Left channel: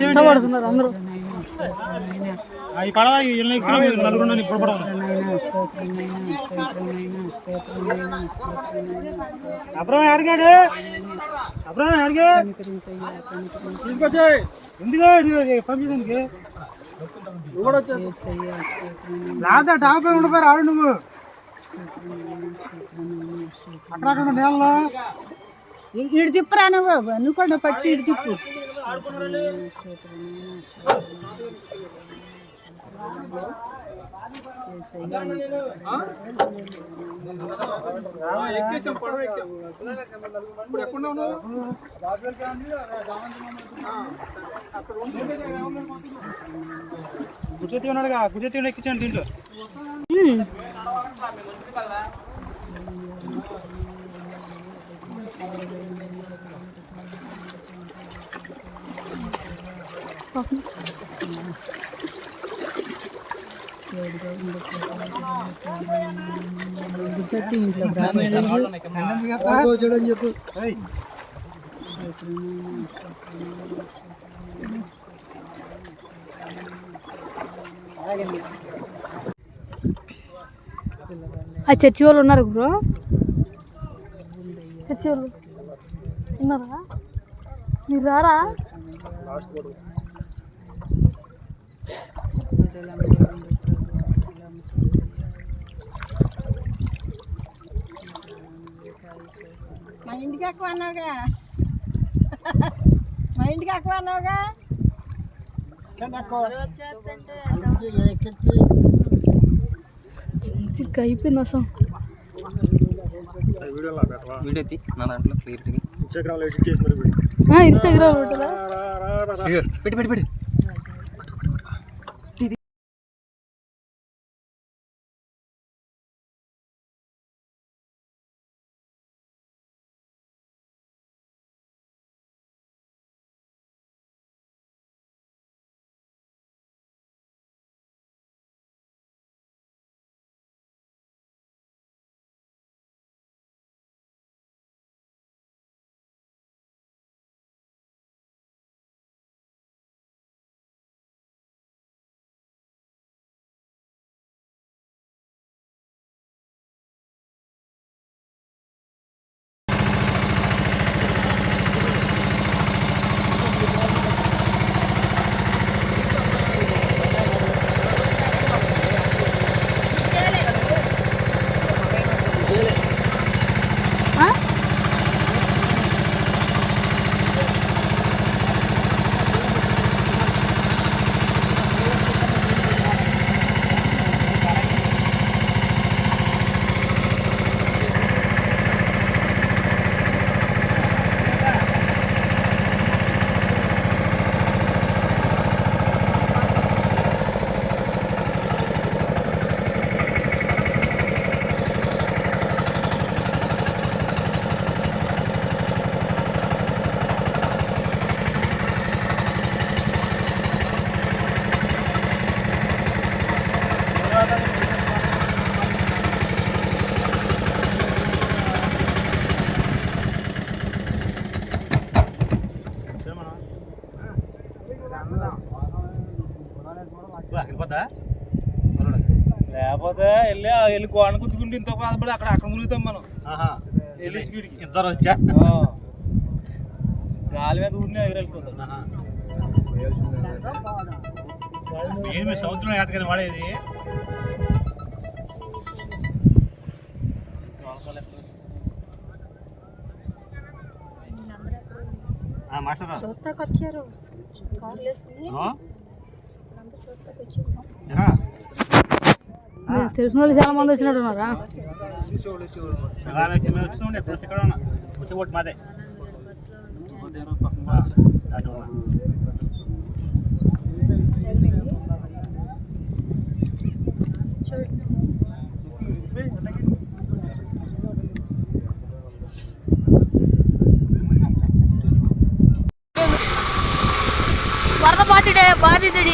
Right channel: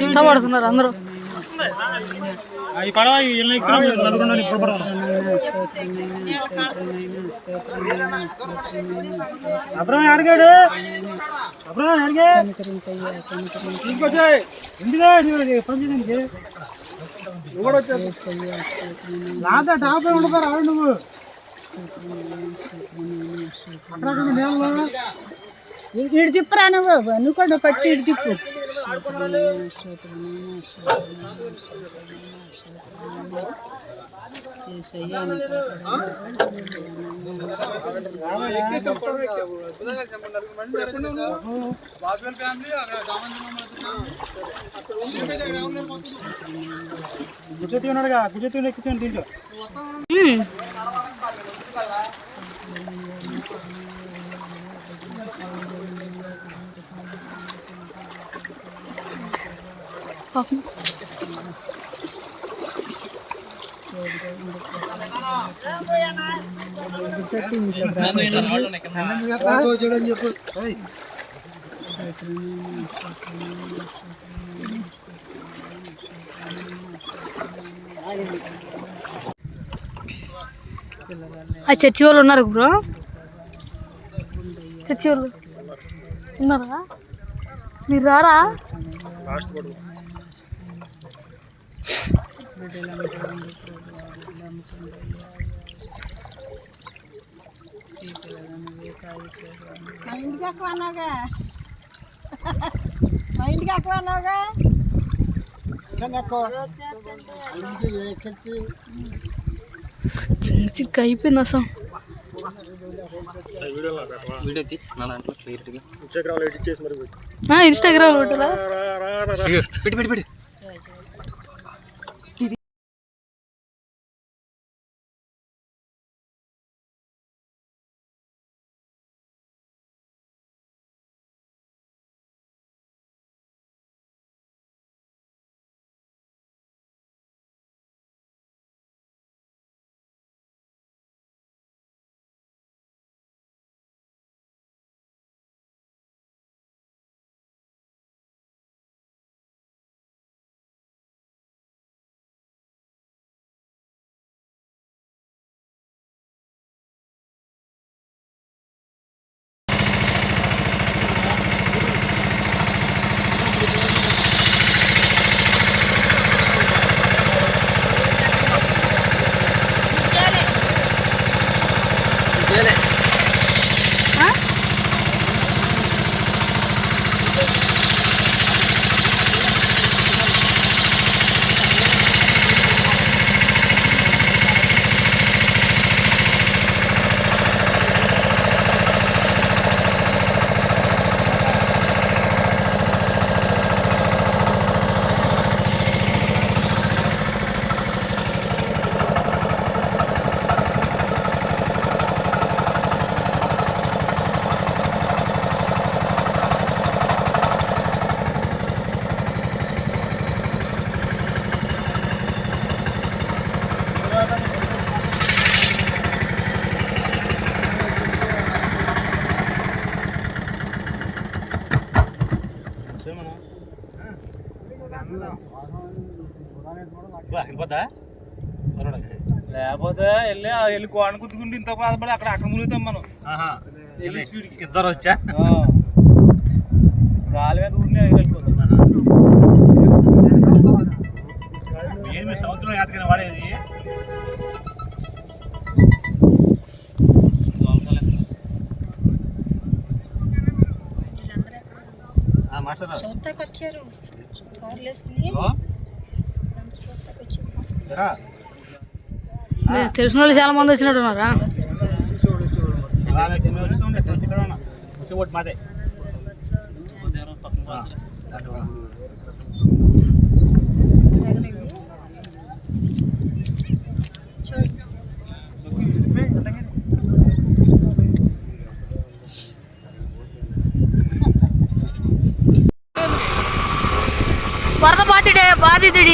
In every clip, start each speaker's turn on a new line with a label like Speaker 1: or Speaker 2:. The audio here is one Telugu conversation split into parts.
Speaker 1: ఇష్టపడుతున్నారు అందరూ.
Speaker 2: అబ్రహం అడిగాడు. అబ్రహం అడిగే. తీసుకొచ్చే. ఎందుకే పంపించడానికి లేదా డాబా ఉండిపోయి రాడు నువ్వు. అక్కడ నీళ్ళలో
Speaker 3: ఇటు తిప్పురా నువ్వు. నువ్వు కూడా పట్టి ఇటు తిప్పు.
Speaker 2: గుజరాతీ ఉన్నాడుగా. గుజరాతీ ఎక్కించండి దీంట్లో. చెప్పు
Speaker 1: ఆ చర్చి వాళ్ళు ఉన్నారు బ్రో. చర్చి వాళ్ళు ఉన్నారా? మీరు రారా?
Speaker 3: మా ఇంటికి ఎక్కువ అన్నావుగా మా ఇంటికి ఎక్కువ అన్నావుగా
Speaker 1: చిక్క అయిపోయింది అసలు. ఇన్స్టాగ్రామ్
Speaker 2: పెట్టి. పెట్టి
Speaker 1: ఆ?
Speaker 2: లేకపోతే వెళ్ళి వెళ్ళి కోణ గుద్దుకుంటే ఇంత బాధపడి అక్కడ అక్కడ మునుగుతాం మనం. వెళ్ళి స్పీడ్కి.
Speaker 4: ఇద్దరు వచ్చా?
Speaker 2: గాలి మీద ఊరినే వెళ్ళిపోతాం
Speaker 4: ఏమి సముద్రం ఏటకని వాడేది? ఆ, మాస్టర్
Speaker 3: చౌతకు వచ్చారు కార్లు వేసుకుని.
Speaker 1: తెలిసిన వాళ్ళు చాలా మంది వచ్చినట్టు ఉన్నారా
Speaker 4: ఇలా వ్యక్తి మీద వచ్చి ఉండే, ఇక్కడ ఇక్కడ ఉన్నా. వచ్చి ఓటు మాదే ఆ, అటు ఉన్నా.
Speaker 1: వరద బాధితుడే బాధితుడు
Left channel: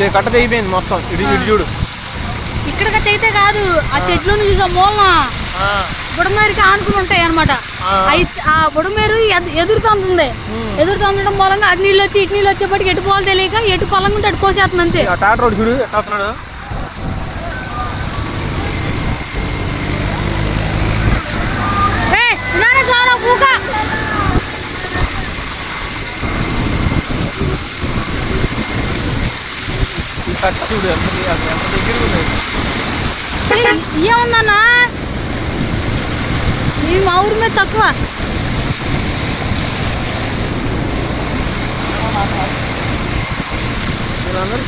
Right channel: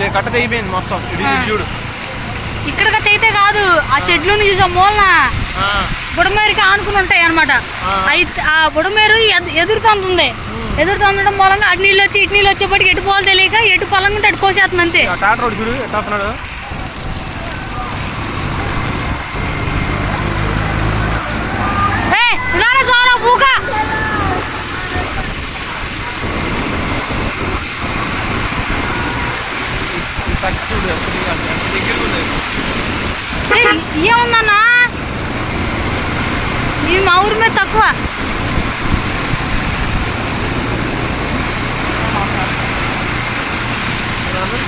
Speaker 2: ఇక్కడ కట్ట తెగిపోయింది మొత్తం. ఇది. చూడు.
Speaker 1: ఇక్కడికి అయితే కాదు ఆ షెడ్లో నుంచి మూలన? బుడమేరుకి ఆనుకుని ఉంటాయి అనమాట అవి ఆ బుడమేరు ఎదు- ఎదురుతంతుంది ఎదురుతందడం మూలంగా అటు నీళ్ళు వచ్చి ఇటు నీళ్ళు వచ్చేప్పటికి ఎటు పోవాలి తెలియక ఎటు పొలం ఉంటే అటు కోసేస్తుంది అంతే.
Speaker 2: చూడు ఎట్లా
Speaker 1: ఏ ఇలానే సారా పూక
Speaker 2: ఈ కట్ట చూడు ఎంత దగ్గర ఉంది.
Speaker 1: ఏముందన్నా? ఈ మా ఊరి మీద తక్కువ.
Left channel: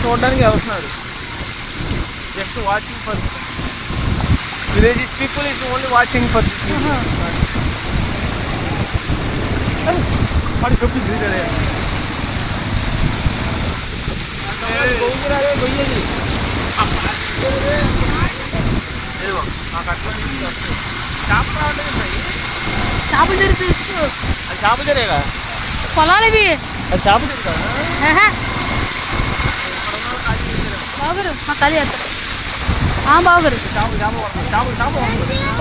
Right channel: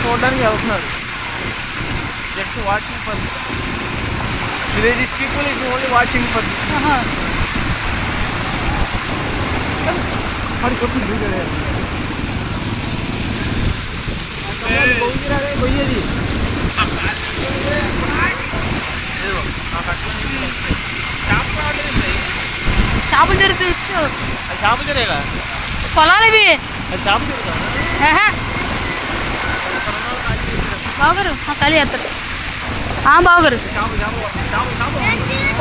Speaker 2: చూడడానికి వెళ్తున్నారు. Just watching for village people is only watching
Speaker 1: ఆహా.
Speaker 2: మరి కొట్టింది
Speaker 1: చేపలు జరుగుతూ
Speaker 2: చేప జరేగా
Speaker 1: పొలాలు ఇవి.
Speaker 2: అది చేప జరుగుతా
Speaker 1: ఆహా. బావగారు మా ఖాళీ చేస్తారు ఆ బావగారు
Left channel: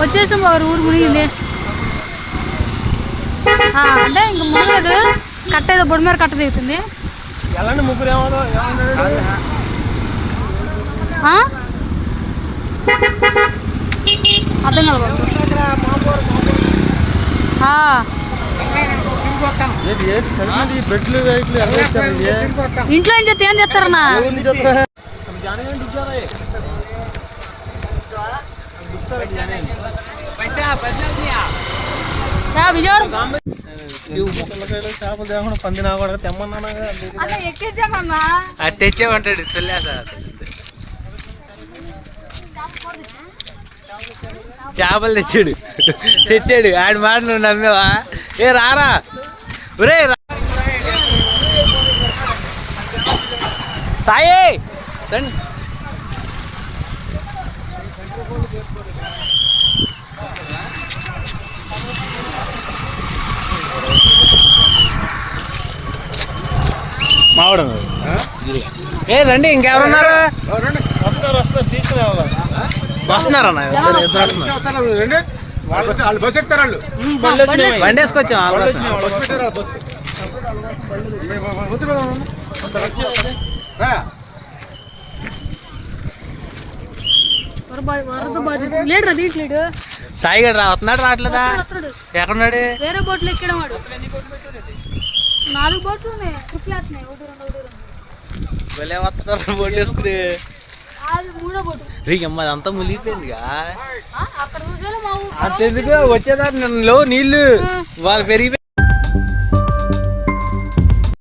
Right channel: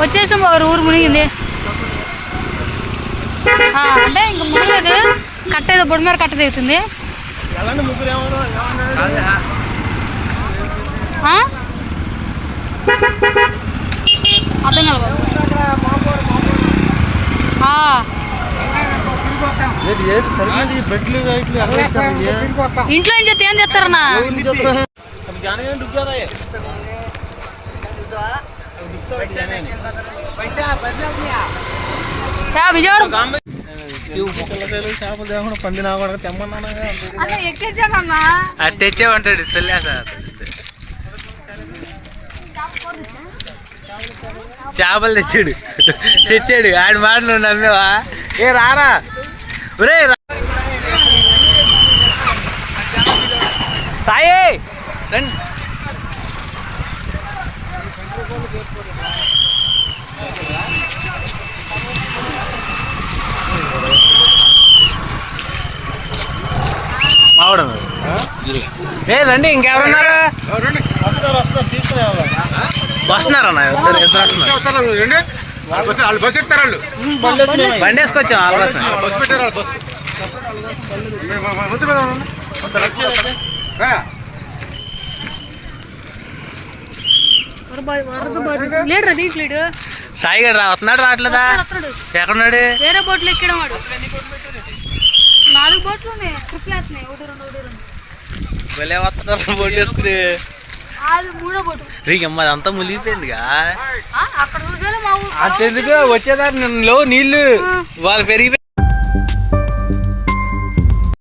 Speaker 1: వచ్చేసాం బావగారు ఊరు మునిగింది. అంటే ఇంక మునగలేదు కట్ట ఏదో బొడి మీద కట్ట దిగుతుంది.
Speaker 2: ఎలాంటి ముగ్గురు కాదు ఇంట్లో
Speaker 1: ఏం చేస్తే ఏం
Speaker 2: చేపలు తేకుండా పంది నా కూడా తెమ్మన్నా
Speaker 1: అలా ఎక్కేసానన్నా?
Speaker 4: అది తెచ్చే ఉంటాడు చేపలు తెచ్చాడు. తెచ్చాడు. ఆడి మాట నువ్వు నమ్మేవా? ఏ రారా. ఒరే రా- సాయి! రండి. మావడం ఏ రండి ఇంకెవరున్నారు?
Speaker 2: వస్తారు వస్తారు తీసుకురావాలి
Speaker 4: వస్తున్నారన్న ఇద్దరు ఇద్దరు వస్తున్నారు.
Speaker 5: వాళ్ళు బస్సు ఎక్కుతారు వాళ్ళు
Speaker 4: బండి వేసుకొచ్చాం
Speaker 5: బస్సు పెట్టారు బస్సు రా.
Speaker 4: వస్తున్నాడు రావట్లేదా. ఎక్కడున్నాడు?
Speaker 1: వేరే బోట్లు ఎక్కడం వాడు నాలుగు బోట్లు ఉన్నాయి. ట్రిప్లు వేస్తున్నాయి ఒకటి రెండు ఒకటి రెండు.
Speaker 4: భలే వస్తున్నారు బోట్ వేసుకుని.
Speaker 1: అది మూడో బోటు.
Speaker 4: రీగమ్మ అదంతా మునిగిపోయిందిగా.
Speaker 1: ఆ, అక్కడ చూసాను మా ఊరు.
Speaker 4: అంతెందుకు? వచ్చేదాన్ని నీళ్ళు. వాళ్ళు పెరిగిపోయి